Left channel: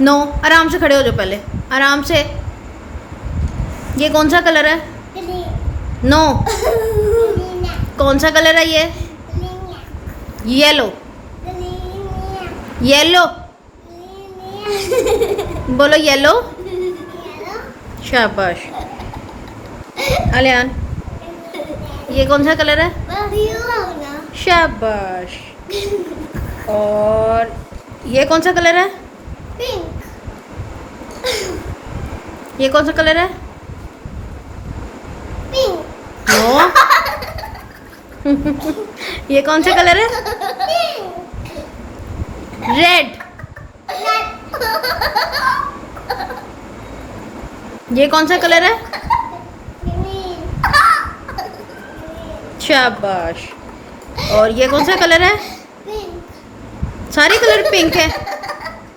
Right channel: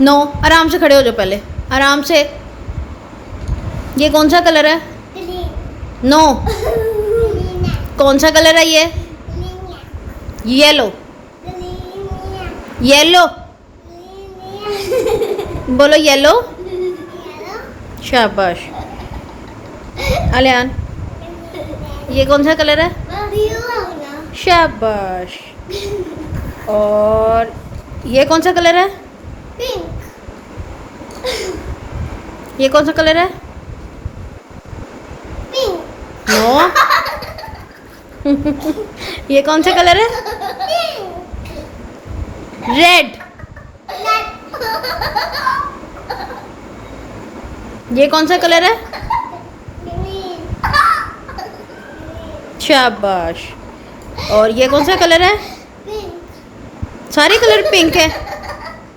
No, आराम से खड़े हो जाओ पहले, आराम से। ये कौन सा कलर है? ग्रीन। नो। ग्रीन है। कौन सा कलर है ये? ग्रीन है। येलो। ग्रीन है। येलो। ग्रीन बोलो येलो। है। शाबाश। अलियान, ये कौन सा कलर है? शाबाश। और ये कौन सा कलर है? पिंक। ये कौन सा कलर है? पिंक। नो। ये कौन सा कलर है? पिंक। रेड। ये कौन सा कलर है? ग्रीन। शाबाश। और ये कौन सा कलर है? पिंक। सारे कलर पिंक है।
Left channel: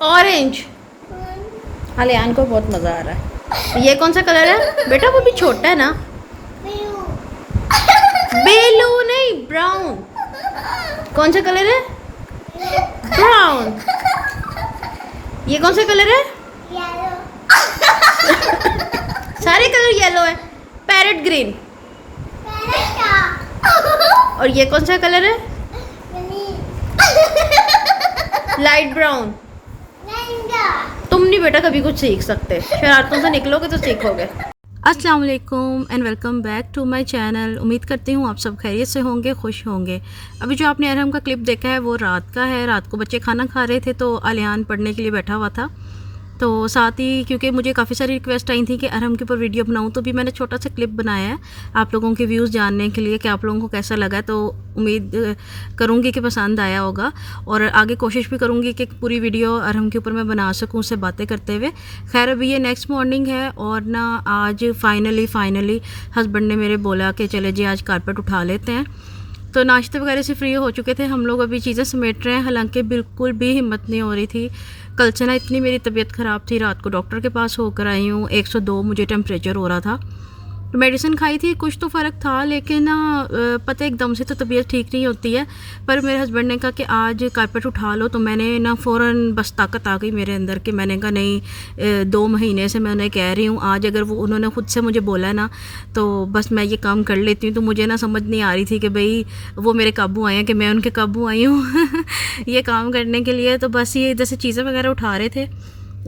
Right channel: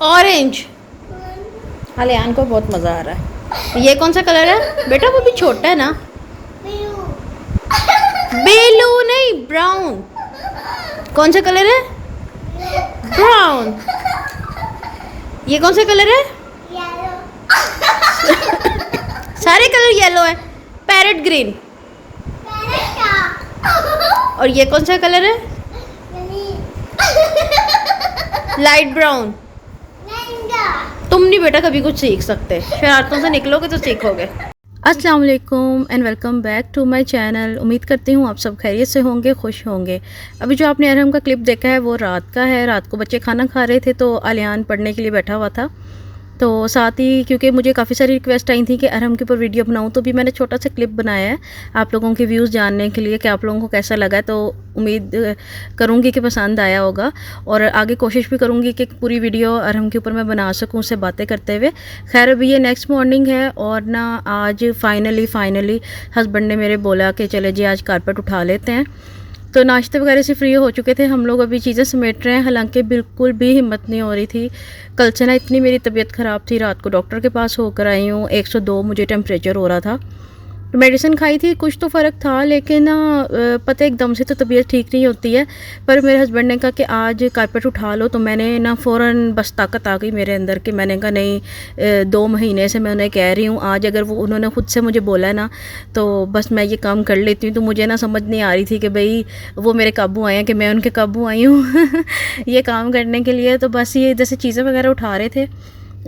ऑरेंज। अलियान को बहुत मज़ा आ रहा है। ये कौन सा कलर है बेटा? वो भी छोटा है ना। ब्लू। ब्लू नहीं, ब्राउन। कौन सा कलर है? ब्राउन। ये कौन सा कलर है? येलो। सारे कलर येलो है। Parrot green. पैरेट। और ये कौन सा कलर है? ग्रीन। Light brown. मैंगो। तुम नहीं बेटा कभी कुछ सीख सकते, शरारतों से निकलोगे तो सीखोगे। अस्सलाम वालेकुम and welcome back to my channel. उम्मीद करती हूँ आप सब खैरियत से होंगे, खुश होंगे। अभी जो आपने अरहम का क्लिप देखा है वो रात का है। रात को बच्चे खाना खा रहे थे तो अलियान पढ़ने के लिए बैठा हुआ था। तो साथ ही क्योंकि मुझे काफ़ी सारी रिक्वेस्ट आई थी कि अरहम के ऊपर वीडियो बनाऊं, तो भी मैंने छोटा सा क्लिप बनाया है आप लोगों के व्यूज़ जानने के लिए कि आप लोगों को कैसा लगा है। तो उम्मीद करूंगी कि पसंद आया होगा और आगे कोशिश भी करूंगी कि पूरी वीडियो अरहम के ऊपर मैं बना सकूं उससे बातें करते हुए। खैर अभी ये नेक्स्ट मॉर्निंग है और ना आज फाइनली हस्बैंड ने मेरे बोला कि चले जी आज कारपेट उठा लेते हैं। तो नाश्ते वगैरह से फ्री हो चुके थे हम लोग, अभी चीज़ें समेट रहे हैं। हालांकि बिल्कुल भी हिम्मत नहीं हो रही थी। कल से ना इतनी मेरी तबीयत ख़राब थी, रात को डॉक्टर के पास होकर आई हूँ। 102 मुझे टेम्परेचर हो रहा था। मेडिसिन खाई थी, कुछ तो फ़र्क था, लेकिन ना पता एकदम से तो तबीयत ठीक नहीं होती है। पर मेरे हस्बैंड ने कहा कि आज कारपेट उठा लो, तो मैंने ना फ़ौरन बस ताकत आ गई मेरे अंदर कि मैंने कहा नहीं, 2 महीने से मैं उन्हें कह रही हूँ, आज अगर वो उन्होंने ख़ुद से मुझे बोला है ना तो बस मैं ये काम कर लेती हूँ। तो मुझे ना समझ नहीं आ रही थी कि भाई वो मेरे काबू आए हैं कि मैं उनके काबू आई हूँ ये काम करने के लिए। तो बस ये इधर से चीज़ें वगैरह उठा रहे थे।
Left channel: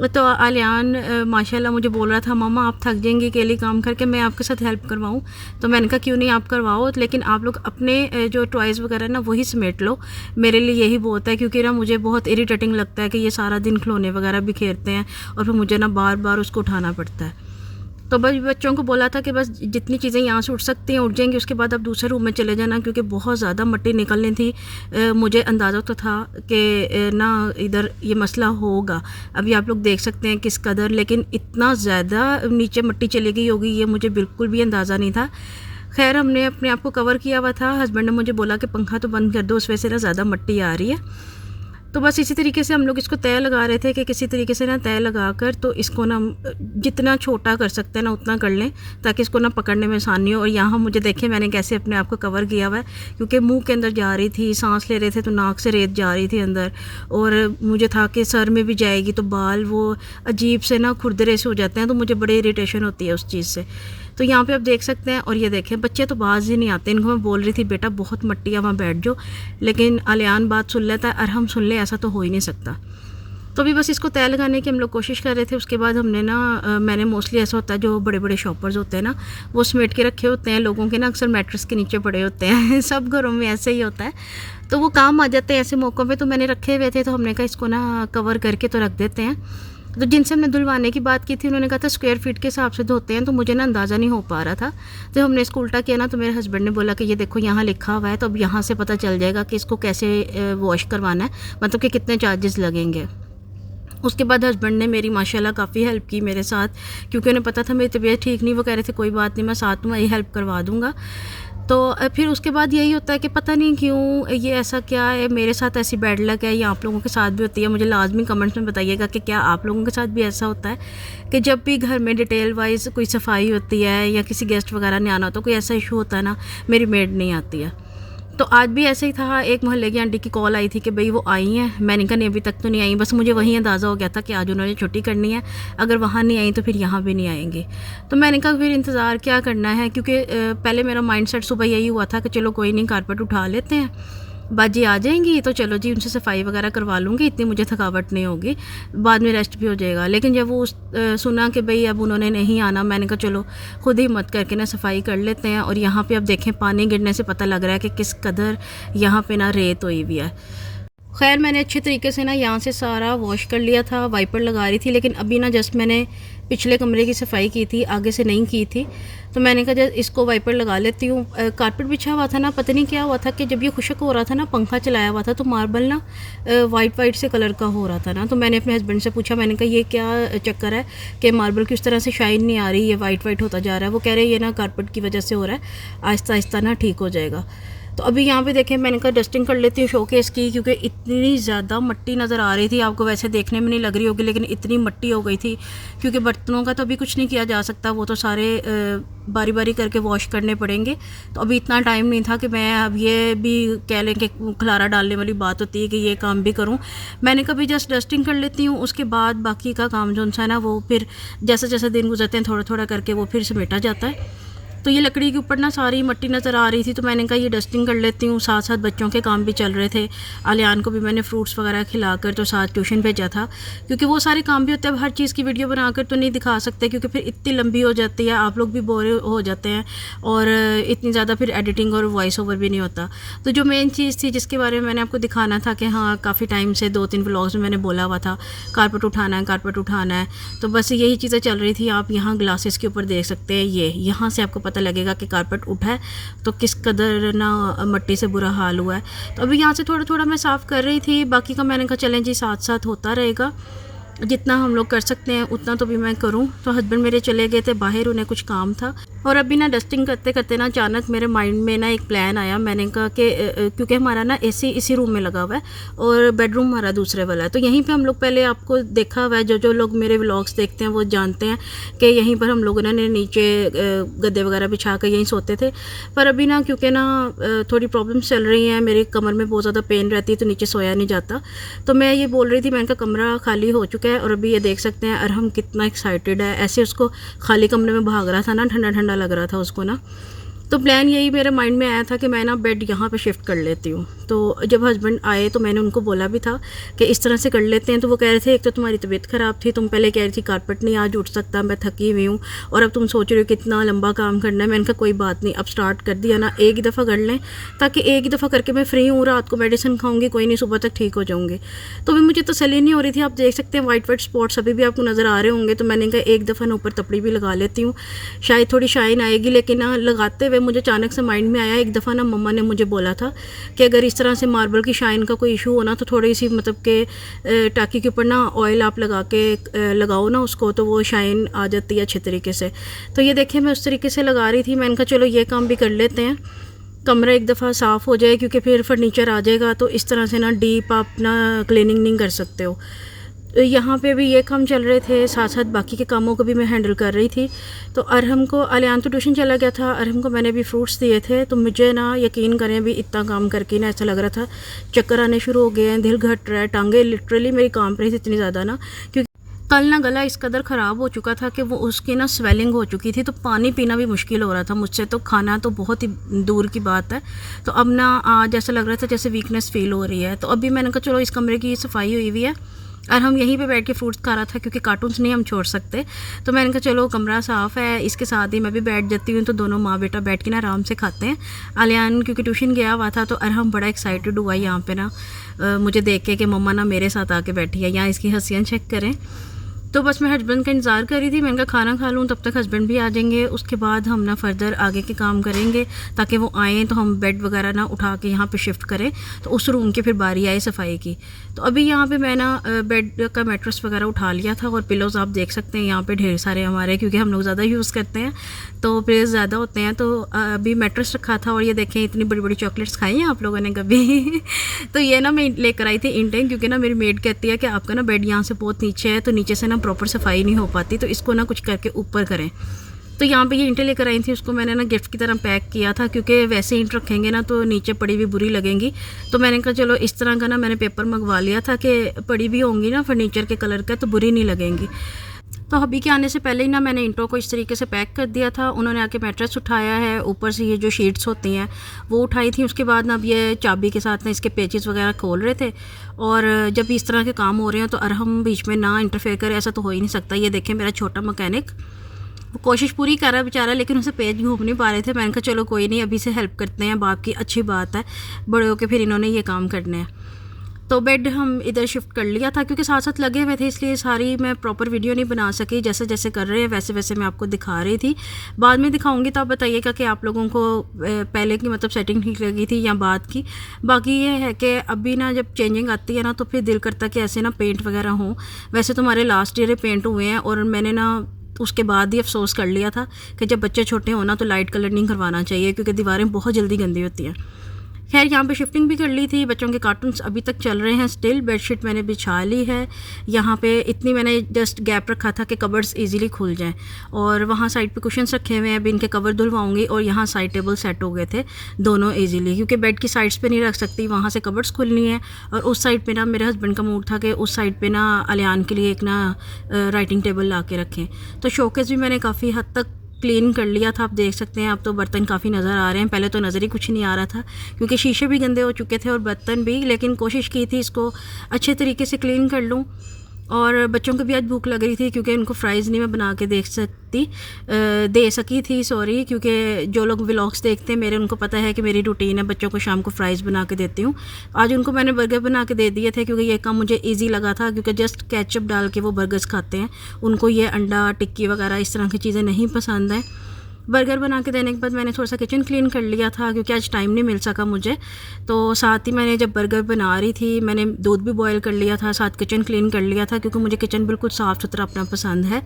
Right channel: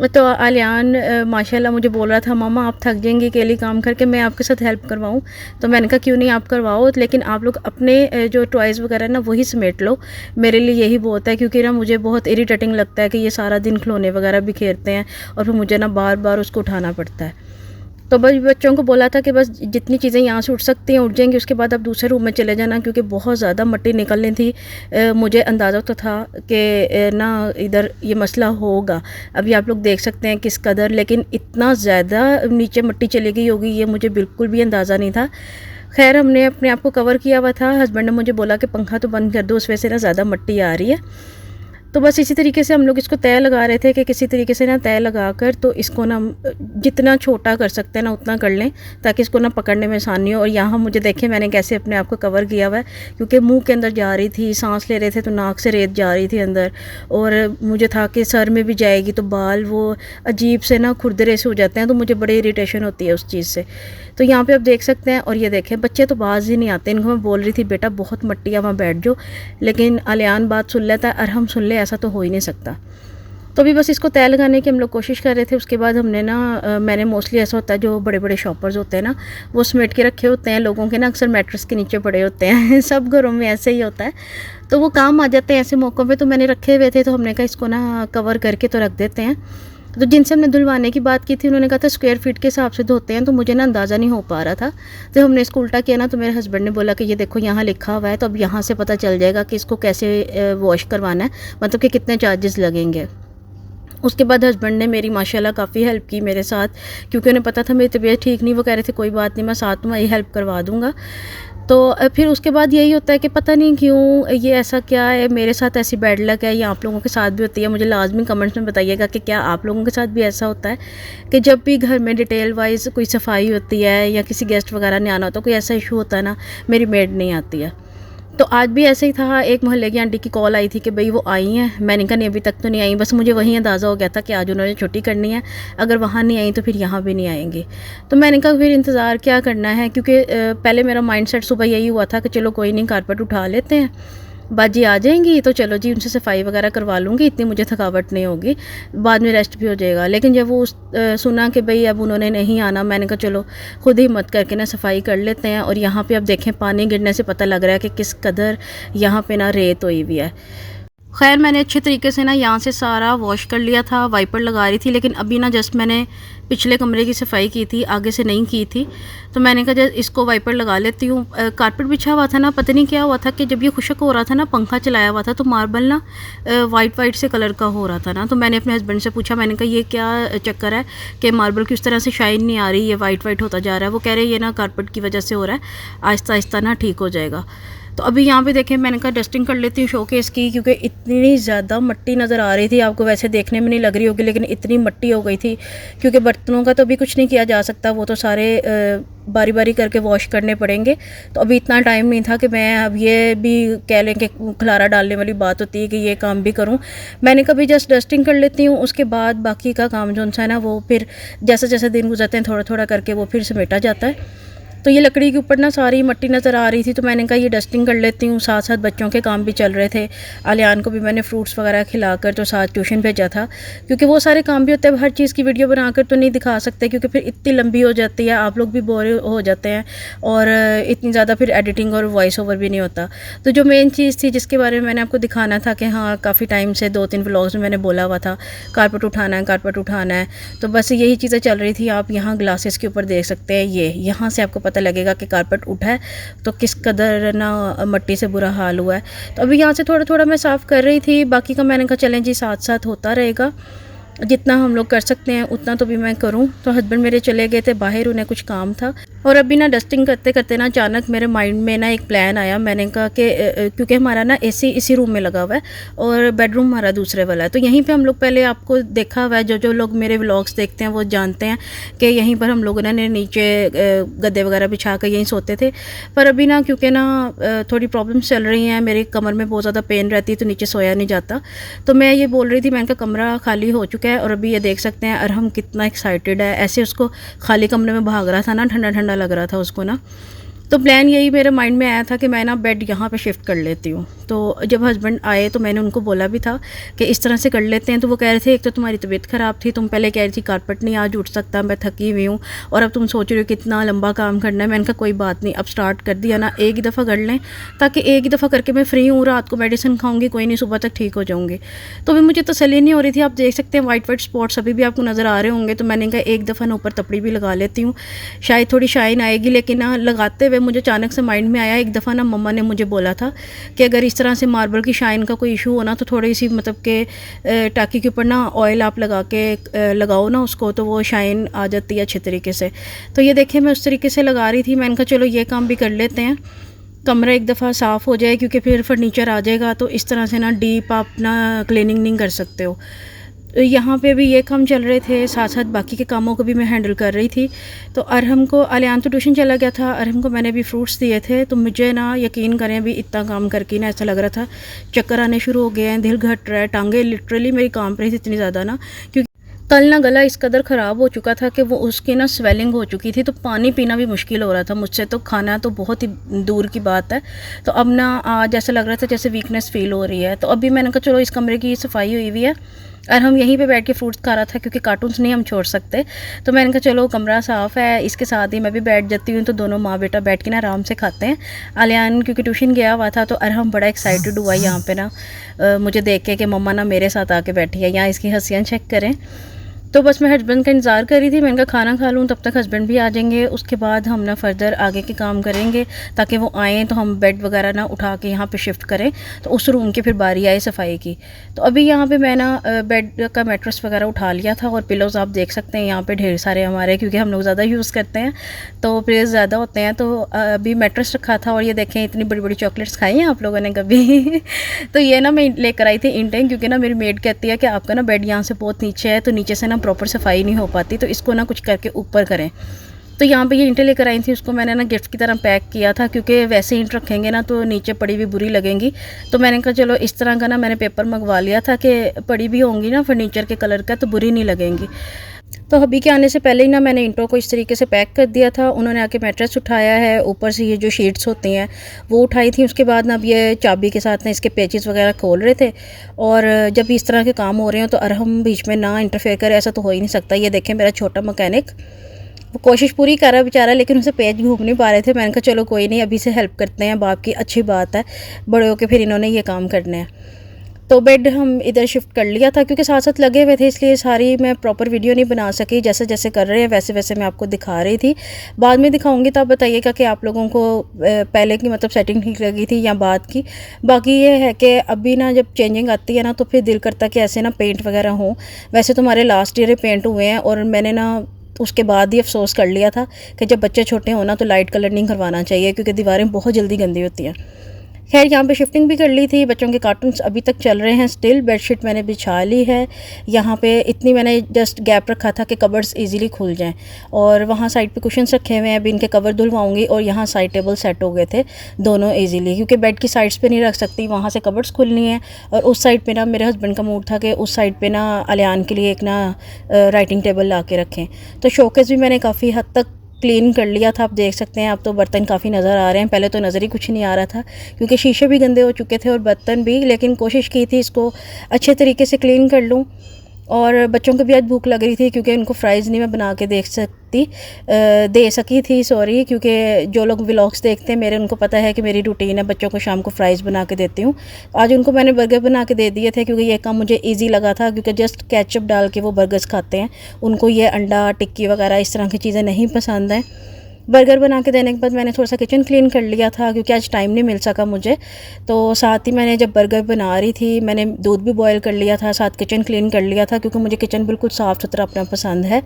तो अलियान माशाल्लाह मुझे बोल रहा था मामा आप थक जाएंगी अकेली काम करके, मैं आपके साथ हेल्प करवाऊँ। तो मैंने कहा क्यों नहीं, आप करवाओ, लेकिन आप लोग अपने जो टॉयज़ वगैरह ना वही समेट लो, मेरे लिए यही बहुत है। क्योंकि ना मुझे बहुत इरिटेटिंग लगता है कि ये सारा दिन खिलौने वगैरह बिखेरते हैं और फिर मुझे ना बार बार उसको उठाना पड़ता है। तो बस बच्चों को बोला था कि बस जितनी चीज़ें यहाँ से उठ सकती हैं उठ जाएंगी, उसके बाद आप दूसरे रूम में चले जाना, क्योंकि बहुत ज़्यादा मिट्टी निकलनी थी। मुझे अंदाज़ा तो था कि ना इधर ये मसला होगा। अभी आप लोग देख सकते हैं किस कदर, लेकिन इतना ज़्यादा नीचे मिट्टी चली गई होगी ये मुझे बिल्कुल भी अंदाज़ा नहीं था। खैर हमने अपने आप को कवर किया हुआ था। हस्बैंड ने मुझे बोला कि पंखा तो बंद कर दो, उस वजह से ना ज़्यादा मिट्टी आ रही है। तो बस इसी तरीके से हम लोग इसको तय लगा रहे थे कि किसी तरीके से ना तय लगा कर तो इसको ना जितना छोटा कर सकते हैं ना उतना कर लें, ताकि इसको ना पकड़ने में आसानी हो। और यहाँ मुझे देखें मैंने कैसे अपने आप को कवर किया हुआ है, क्योंकि मुंह के अंदर जा रही थी, सांस ले रहे थे तो नाक से रेत जा रही थी अंदर, और मुझे था कि सर में भी जाएगी तो बाल वो अजीब से ना खुरदरे से हो जाते हैं, तो मुझे बड़ी इरीटेशन होती है उस चीज़ से। तो यहाँ पे आप देख सकते हैं। और ये देखें बच्चे तो बाज ही नहीं आते, इनको मैं बोल रही थी बेटा बहुत मट्टी है वहाँ बैठ जाओ, लेकिन अलियान बात सुन लेता है, अरहम सुन ले, ऐसा तो हो ही नहीं सकता। तो अभी बस इसको तय लगाने की हम लोग कोशिश कर रहे थे। उसके बाद हमने ना मैंने मोस्टली ऐसा होता है जो बड़े बड़े शॉपर्स होते हैं ना वो समेट के रखे होते हैं लोगों के ना, अक्सर मैट्रेस के नीचे पड़े होते हैं सब घरों में ऐसे ही होता है, तो वो काम आ जाते हैं ऐसे मौक़ों पे। तो मैंने रखे हुए थे, तो हमने कहा इसको ना कवर करके तो रख देते हैं। तो जिनसे हमने धुलवाने की बात की थी उन्होंने कहा था स्क्वायर फीट के हिसाब से धोते हैं, तो मुझे ना अंदाज़ा नहीं हो पा रहा था। तो हमने इसको उल्टा किया ना, तो मेरे हस्बैंड ने बोला कि ये देखो यहाँ लिखा हुआ है, तो अब यहाँ से पता चल जाएगा कि इसको कैसे वॉश करवाना है, मतलब कि कितने चार्जेस लगेंगे। उसके बाद हस्बैंड ने मेरी माशाल्लाह काफ़ी हेल्प की मेरे साथ, क्योंकि उन्हें पता था मेरी तबीयत ठीक नहीं। वो कह रहे थे कोई बात नहीं मैं साथ में हेल्प करवा दूँगा। तो फिर उसके बाद यही होता है कि पता नहीं क्यों ये ऐसा क्या है, मेरे साथ ऐसी बैड लक है या आप लोगों के साथ भी होती है। मुझे लाजमी कमेंट्स में बताइएगा कि क्या आप लोगों के साथ भी ऐसा होता है कि जब भी घर में डिटेल वाइज कोई सफाई होती है या किसी गेस्ट वगैरह ने आना होता है, कोई ऐसा इशू होता है ना, मेरी मेड नहीं आती है। तो आज भी ऐसे ही था, एक मोहल्ले की आंटी की कॉल आई थी कि भाई वो आई हैं। मैंने कहा नहीं अभी तक तो नहीं आई, बस मुझे वही अंदाज़ा हो गया था कि आज उन्होंने छुट्टी करनी है, अगर वहाँ नहीं आई तो फिर यहाँ भी नहीं आएंगी। तो मैंने कहा फिर इंतज़ार क्या करना है, क्योंकि पहले मेरा माइंडसेट सुबह यही हुआ था कि चलो कोई नहीं कारपेट उठा लेते हैं, बाजी आ जाएंगी तो चलो जी उनसे सफाई वगैरह करवा लूँगी, इतनी मुझे थकावट नहीं होगी, बाद में रेस्ट भी हो जाएगा। लेकिन जब वो सुना कि भाई अब उन्होंने नहीं आना, मैंने कहा चलो खुद ही हिम्मत करके ना सफाई कर लेते हैं। और यहाँ पे अब देखें पानी गिरने से पता लग रहा है कि किस कदर यहाँ पे ना रेत हुई हुई है। खैर मैंने अच्छे तरीके से ना यहाँ से सारा वॉश कर लिया था, वाइपर लगा रही थी, लेकिन अभी ना जस्ट मैंने पिछले कमरे की सफाई की थी, आगे से नहीं की थी, तो मैंने कहा जस्ट इसको वाइपर लगा लेती हूँ। कारपेट बिछा हुआ था ना, पता नहीं क्या हुआ था कि जब ये खुशक हो रहा था ना, पंखा चलाया हुआ था, तो मार्बल ना वाइट से कलर का हो रहा था ना। तो मैंने अपने हस्बैंड से पूछा, मैंने कहा ये क्या चक्कर है कि मार्बल की उस तरह से शाइन नहीं आ रही, ये वाइट होता जा रहा है। वो कह रहे ये ना कारपेट की वजह से हो रहा है, आहिस्ता आहिस्ता ना ठीक हो जाएगा। तो अभी यहाँ पे देखें, मैंने कहा डस्टिंग कर लेती हूँ शोकेस की, क्योंकि इतनी ज़्यादा मिट्टी नज़र आ रही थी, आपको वैसे देखने में नहीं लग रही होगी, लेकिन इतनी मिट्टी हो गई थी। क्योंकि बर्तनों का तो अभी कुछ नहीं किया जा सकता, वो तो सारे बारी बारी करके वॉश करने पड़ेंगे। तो अभी इतना टाइम नहीं था कि मैं अब ये भी कह लें कि खलारा डालने वाली बात होती है कि ये काम भी करूँ। मैंने कभी जस्ट डस्टिंग कर लेती हूँ, उसके बाद बाकी का काम जो है ना वो फिर जैसे जैसे दिन गुजरते हैं थोड़ा थोड़ा करके वो फिर समेटा जाता है। तो ये लकड़ी के ऊपर ना सारी मिट्टी नज़र आ रही थी, तो मैंने कहा ये डस्टिंग कर लेती हूँ। साथ साथ बच्चों के काम भी चल रहे थे, आलियान को भी मैंने फ्रूट्स वगैरह खिलाकर तो साथ ट्यूशन भेजा था, क्योंकि वो सारे काम भी होते हैं। हर चीज़ की वीडियो बनाकर तो नहीं दिखा सकते, क्योंकि फिर इतनी लंबी हो जाती है, आप लोग भी बोर हो जाते हैं, और इतनी ज़्यादा फिर एडिटिंग और वॉइस ओवर भी नहीं होता। तो जो मेन चीज़ थी जिसके बारे में मैंने आपको दिखाना था कि हाँ काफ़ी टाइम से 2-3 व्लॉग्स में मैंने बोला हुआ था कारपेट उठाना है, कारपेट उठाना है, तो बस यही चीज़ें चल रही थी। आप यहाँ ग्लासेस के ऊपर देख सकते हैं, ये यहाँ से आपको पता लगेगा कि कारपेट उठा है तो किस कदर ना मिट्टी से बुरा हाल हुआ है। तो अभी यहाँ से थोड़ा थोड़ा मैं साफ़ कर रही थी, बाकी का मैंने कहा चलें जी साथ साथ होता रहेगा, जितना हम लोग कर सकते हैं उतना तो भी मैं करूं। तो हस्बैंड मेरे चले गए थे बाहर, उन्हें कुछ काम था, और अभी ना डस्टिंग करते करते ना अचानक मेरे माइंड में ना एक प्लान आया। मैंने कहा कि क्योंकि हमारा ना एसी इसी रूम में लगा हुआ है और बेडरूम हमारा दूसरे वाला है, तो यहीं पे हम लोग पहले आपको देखा हुआ है, जो लोग मेरे व्लॉग्स देखते हैं वो जानते हैं कि यहीं पर हम लोगों ने नीचे गद्दे वगैरह बिछा कर यहीं सोते थे। पर अभी ना क्योंकि ना थोड़ी प्रॉब्लम्स चल रही हैं, मेरे कमर में बहुत ज़्यादा पेन रहती है, तो नीचे सोया नहीं जाता। तो मैं ये बोल रही थी, मैंने कहा कमरा खाली हो चुका है, और अभी ये देख सकते हैं अरहम कितना एक्साइटेड है, ऐसे उसको खाली कमरे में भाग रहा था ना, ठंडा ठंडा लग रहा था उसको ना। तो प्लान यही मेरे माइंड में आया था कि मैं ना बेड यहाँ पे शिफ्ट कर लेती हूँ। तो जब हस्बैंड आए तो मैंने उनको बोला भी था कि इस तरह से कर लेते हैं, तो वो कह रहे थे एक तो तुम्हारी तबीयत ख़राब थी, तुम पहले कह रही थी कारपेट नहीं आज उठ सकता, मैं थकी हुई हूँ, और अब तुम सोच रहे हो कितना लंबा काम करना है। मैंने कहा कोई बात नहीं, अब स्टार्ट कर दिया ना, एक ही दफ़ा कर लें, ताकि एक ही दफ़ा करके मैं फ्री हूँ, रात को मेडिसिन खाऊंगी, कोई नहीं सुबह तक ठीक हो जाऊँगी। तो भी मुझे तसल्ली नहीं हो रही थी। आप देख सकते हैं वाइट स्पॉट्स अभी भी आपको नज़र आ रहे होंगे, तो मैंने कहा एक दफ़ा ना ऊपर तपड़ी भी लगा लेती हूँ, शायद थोड़ी शाइन आएगी। लेकिन ना लगाते हुए मुझे अचानक से माइंड में आया, एक दफ़ा ना मम्मा ने मुझे बोला था कि अगर इस तरह से मार्बल की शाइन का कोई इशू हो ना, तो थोड़ी सी मतलब कि टाँकी के ऊपर ना ऑयल आप लगाओ ना उसको, तो वो शाइन आ जाती है अच्छे तरीके से। तो ये देखें मैं उस तरीके से लगा रही थी। मैंने कहा चलो ये काम भी कर लेते हैं, कमरा एक दफ़ा साफ़ हो जाए, क्योंकि फिर फर्नीचर आ जाएगा, तो इस तरह से ना डीप आप ना क्लीनिंग नहीं कर सकते हो। तो यहाँ पे भी ये काम चल रहे थे, साथ साथ बाकी के कामों को भी मैं हैंडल कर रही थी। तो अरहम को, आलियान तो ट्यूशन चला गया था, अरहम को मैंने भी फ्रूट्स दिए थे। तो मुझे ना यकीन करें अभी इतना काम करके ना ऐसा लग रहा था चक्कर आने शुरू हो गए हैं, दिल घट रहा है, टांगे लिटरली मेरी काम रही थी इतनी ज़्यादा ना, क्योंकि कल ना गला इस कदर ख़राब हो चुका था कि वो उसकी ना स्वेलिंग हो चुकी थी, तो पानी पीना भी मुश्किल हो रहा था मुझसे, तो खाना तो बहुत ही दूर की बात है। तो अब ना आज ऐसा लग रहा था जैसे वीकनेस फील हो रही है। तो अभी मैंने कहा चलो इस कमरे की सफाई हुई हुई है, और हम यहीं पे बैठ के फ्रूट्स खा रहा था, क्योंकि कार्टून्स नहीं हम छोड़ सकते। तो मैंने कहा चलो कमरा साफ़ है, इसके साथ ही मैं भी बैठ जाती हूँ, तो दोनों माँ बेटा बैठ के ना आराम से खाते हैं। आलियान क्योंकि ट्यूशन गया हुआ था, तो अरहम बड़ा एक्साइटेड हुआ यहाँ पे ना मुझे देख के कि मम्मा ना मेरे साथ आके बैठी है, यहाँ इसकी हंसियाँ चेक करें। तो बस मैं हस्बैंड का इंतज़ार कर रही थी, मैंने कहा खाना खा लूँ, तब तक हस्बैंड भी आ जाएंगे, उसके बाद हम ना फर्दर आगे के काम करेंगे, ताकि वो आएँ तो हम बेड वगैरह ना उठा के यहाँ पे शिफ्ट करें, तो उस रूम की फिर बारी आए सफाई की। तो अभी यहाँ पे मैं ना बेड का मैट्रेस वगैरह उठा लिया था, और पिलोज़ आप देख सकते हैं यहाँ पे ढेर सारे हमारे, क्योंकि हम लोग ज़्यादा यूज़ करते हैं तो पिलोज़ ज़्यादा होते हैं। तो अभी मैट्रेस रखा था, और ये देखें इतनी बड़ी बड़ी चॉकलेट्स खाई हैं आप लोगों ने कभी तो ये ना मैं लेकर आई थी इंटेन, क्योंकि ना मेरी मेड कहती है कि आपका ना बेड यहाँ से बहुत नीचे है, तो नीचे से ना प्रॉपर सफाई नहीं हो पाती, तो इसको ना कुछ करके ऊपर करें। तो यहाँ पे ये ईंटें लेकर आई थी, उसको मैंने ना गिफ्ट की तरह पैक किया था, क्योंकि वैसे ईंट रखेंगे ना तो नीचे पड़ी हुई बुरी लगेंगी। तो मैंने कहा चलो इस तरह का ना मैंने पेपर मंगवा लिया था कि पड़ी भी होंगी ना फर्नीचर के कलर का तो बुरी नहीं लगेंगी। तो हबी के आने से पहले ही ना मैंने ईंटों को इस तरीके से पैक कर दिया था। उन्होंने आके मैट्रेस उठाया है, ऊपर से ये जो शीट्स होती हैं वो उठाई थी। उसके बाद ना अब ये चाबी के साथ ना इसके पेचेस वगैरह खोल रहे थे। और जब इस तरह के काम हो रहे हैं तो अरहम बीच में ना इंटरफेयर करे, ऐसा तो हो ही नहीं सकता। ये देखें मेरा छोटा मैकेनिक, वो कोशिश पूरी कर रहा है बेचारा, लेकिन उसे पेज घूम नहीं पा रहे थे। मैंने कहा चलो कोई नहीं, अभी से हेल्प करते हैं, बाप की अच्छी बात है, बड़े होकर फिर इन्होंने ये काम करने हैं। तो बेड हम इधर शिफ्ट कर लिया था, क्योंकि साथ साथ लगे हुए थे इसलिए सारी मैं प्रॉपर वीडियो नहीं बना सकी। जैसे जैसे कर रहे हैं वैसे वैसे मैं आपको दिखा रही थी। बाद में दिखाऊंगी तो आप बताइएगा कि आप लोगों को पहले की मतलब सेटिंग ठीक लगी थी या बाद की। बाकी ये है कि अभी ना जब चेंजिंग आती है ना तो फिर दिल करता कि ऐसे ना पेंट वगैरह हो। वैसे तो हमारे लास्ट ईयर पेंट हुए हैं और मैंने ना उसके बाद ही अफसोस कर लिया था कि जब बच्चे छोटे हों ना तो लाइट कलर नहीं करवाना चाहिए, क्योंकि दीवारें बहुत जल्दी गंदी होती हैं। खैर यहाँ पे शिफ्टिंग भी कर ली थी। बच्चों के कार्टून्स अभी तक चल रहे हैं स्टिल। बेडशीट मैंने बिछा ली है। यहाँ पे इतनी मैंने जस्ट गैप रखा था कि कवर्स इजीली खुल जाएं। और वहाँ साइड पे कुशन्स रखे हुए हैं, अभी इनके कवर धुलवाऊंगी। और यहाँ साइड टेबल सेट हो गए थे दोनों इजीली, क्योंकि बेड की साइड्स पे नहीं रख सकती, वहाँ से कवर्स खुलनी है। और उस साइड पे ना मेरे हस्बैंड का मूड था कि उस साइड पे ना अलियान के लिए एक ना राइटिंग टेबल ला के रखें। तो शोकेस भी मैंने काफ़ी हद तक क्लीन कर लिया था, आप देख सकते हैं। अब तो बर्तन काफ़ी नज़र आ रहे हैं, पहले तो नज़र ही कुछ नहीं आ रहा था क्योंकि शीशे भी गंदे हो चुके थे और बर्तन भी। लेकिन कोशिश की थी इसको अच्छे तरीके से क्लीन कर लूँ। और बच्चों को भी आज भूख लग रही थी, क्योंकि उनको फ्राइज़ नहीं मैं बना के दे सकी थी सॉरी, क्योंकि जो लोग व्लॉग्स देखते हैं मेरे, उनको पता है कि मेरी रूटीन है, बच्चों को शाम को फ्राइज़ बना के देती हूँ। आज उनको मैंने बर्गर बना के दे दिए थे, क्योंकि ये काम मुझे ईजी लगा था, क्योंकि जस्ट केचप डाल के वो बर्गर्स खाते हैं। उनको ये अंडा टिक्की वगैरह इस तरह की चीज़ें नहीं पसंद हैं। बर्गर बना के देने के बाद मैंने थोड़ा सा किचन क्लीन कर लिया था, क्योंकि आज टाइम नहीं मिल सका मुझे। तो साथ ही मैंने जब बर्गर बना रही थी मैंने दूध भी बॉयल कर लिया था, साथ किचन क्लीन कर लिया था, क्योंकि मुझे किचन बिल्कुल साफ़ सुथरा अपना पसंद है।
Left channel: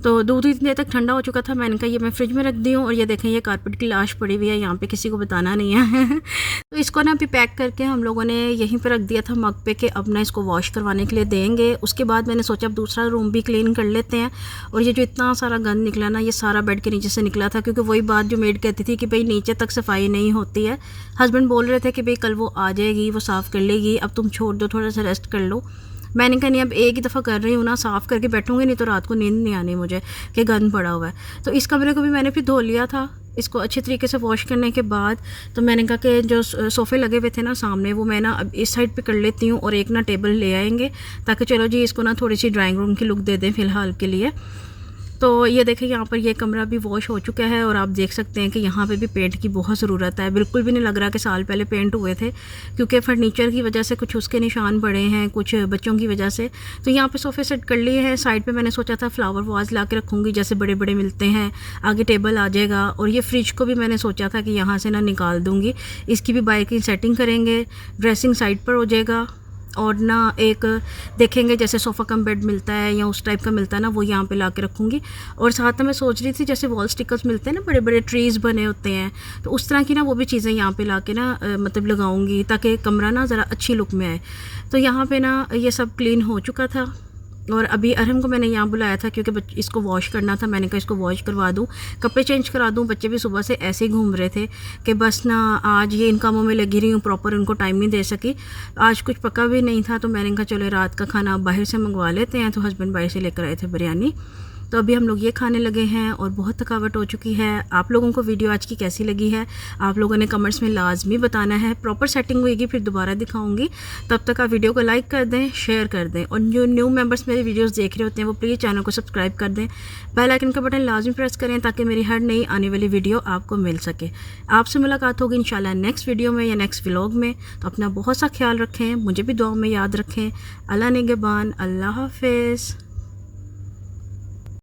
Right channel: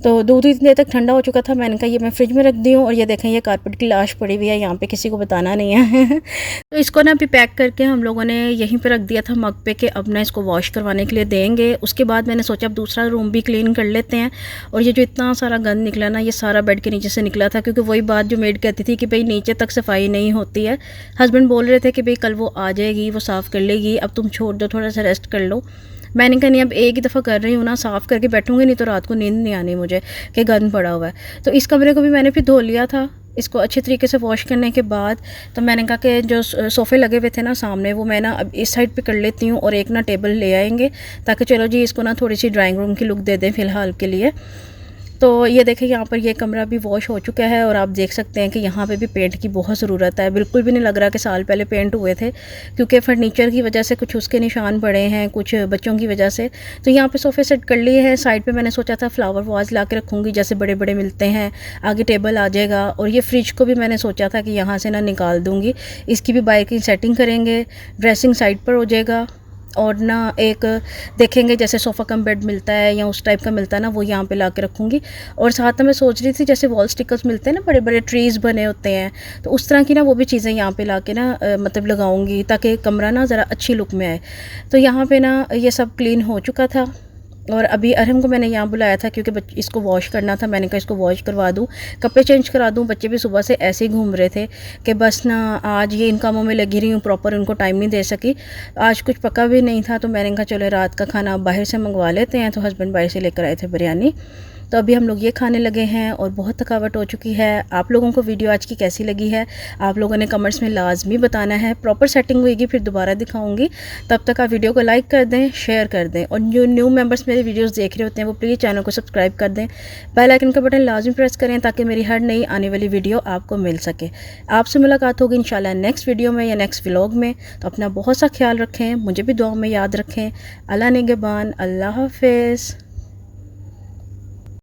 तो दूध इतनी देर तक ठंडा हो चुका था, मैंने कहा ये मैं फ्रिज में रख दी हूँ। और ये देखें ये कारपेट की लाश पड़ी हुई है, यहाँ पे किसी को बताना नहीं है। तो इसको ना अभी पैक करके हम लोगों ने यहीं पे रख दिया था मग पे, कि अब ना इसको वॉश करवाने के लिए देंगे। उसके बाद मैंने सोचा अब दूसरा रूम भी क्लीन कर लेते हैं। और ये जो इतना सारा गंद निकला ना, ये सारा बेड के नीचे से निकला था, क्योंकि वही बात जो मेड कहती थी कि भाई नीचे तक सफाई नहीं होती है। हस्बैंड बोल रहे थे कि भाई कल वो आ जाएगी, वो साफ़ कर लेगी, अब तुम छोड़ दो, थोड़ा सा रेस्ट कर लो। मैंने कहा नहीं, अब एक ही दफ़ा कर रही हूँ ना, साफ़ करके बैठूँगी, नहीं तो रात को नींद नहीं आनी मुझे कि गंद पड़ा हुआ है। तो इस कमरे को भी मैंने फिर धो लिया था। इसको अच्छी तरीके से वॉश करने के बाद तो मैंने कहा कि जो सोफ़े लगे हुए थे ना सामने, वो मैं ना अब इस साइड पे कर लेती हूँ और एक ना टेबल ले आएंगे, ताकि चलो जी इसको ना थोड़ी सी ड्राइंग रूम की लुक दे दें फ़िलहाल के लिए। तो ये देखें यहाँ पर ये कमरा भी वॉश हो चुका है। और आप देख सकते हैं कि यहाँ पे भी पेंट की बहुत ज़रूरत है। बिल्कुल भी नहीं लग रहा कि साल पहले पेंट हुए थे, क्योंकि फर्नीचर की वजह से कुछ उसके निशान पड़े हैं, कुछ बच्चों की वजह से। तो यहाँ पे सोफ़े सेट कर लिए हैं। साइड पे मैंने सोचा था फ्लावर वाज ला के रखूँगी, जैसे बड़े बड़े मिलते हैं, आगे टेबल आ जाएगा। और ये फ्रिज को भी मैंने सोचा था कि यहाँ से ना निकाल दूँगी, इसकी भी बाइक की सेटिंग करेंगे, ड्रेसिंग साइड पर हो जाएगा। और ना एक देखेंगे जैसे सोफ़ा कम बेड मिलता है या उस टाइप का मिलता है ना, वो यहाँ पे ला के रखूँगी। और साथ में मैं सोच रही थी जैसे वॉल स्टिकर्स मिलते हैं ना, बड़े बड़े ट्रीज़ बने होते हैं, तो उस तरह की ना वो भी चीज़ें यहाँ पे ला के ना मतलब लगाऊँगी, ताकि कमरा ना ज़रा अच्छी लुक में आए। तो यहाँ पे ना ये सब क्लीन हो चुका था। और अभी अरहम को मैंने यहाँ बुलाया था, क्योंकि इसको वॉश करना था। मैंने कहा इसको वॉश करवा दूँ, कपड़े चेंज करा दूँ। बच्चे भी सुबह से ऐसे ही घूम रहे थे कि बस ना आज ये इन कामों में लगी रही हूँ, प्रॉपर उनको टाइम नहीं दे सकी। आज कुछ पका भी नहीं था, तो मैंने कहा चलो रात का खाना बाहर से मंगवा लेते हैं। तो हस्बैंड बाहर से लेकर आए थे बिरयानी, तो अभी हम लोग ये खाने लगे हैं और बहुत थकावट हो चुकी है। आप लोगों को वीडियो आज की कैसी लगी है आप लोगों ने कमेंट्स में लाजमी बताना है। प्रॉपर सेटिंग होगी फिर दोबारा दिखाऊंगी। तब तक आप वीडियो को लाइक कर दें, शेयर कर दें, और जो न्यू मेंबर्स मेरे वीडियोस देख रहे होते हैं वो प्लीज़ चैनल को सब्सक्राइब कर दें। बेल आइकन का बटन लाजमी प्रेस करें ताकि मेरी हर नई आने वाली वीडियो आपको मिल सके। आपसे मुलाकात होगी इंशाल्लाह नेक्स्ट वीडियो में या नेक्स्ट व्लॉग में। तो अपना बहुत सा ख्याल रखें, मुझे भी दुआ में याद रखें। अल्लाह निगहबान, अल्लाह हाफिज़।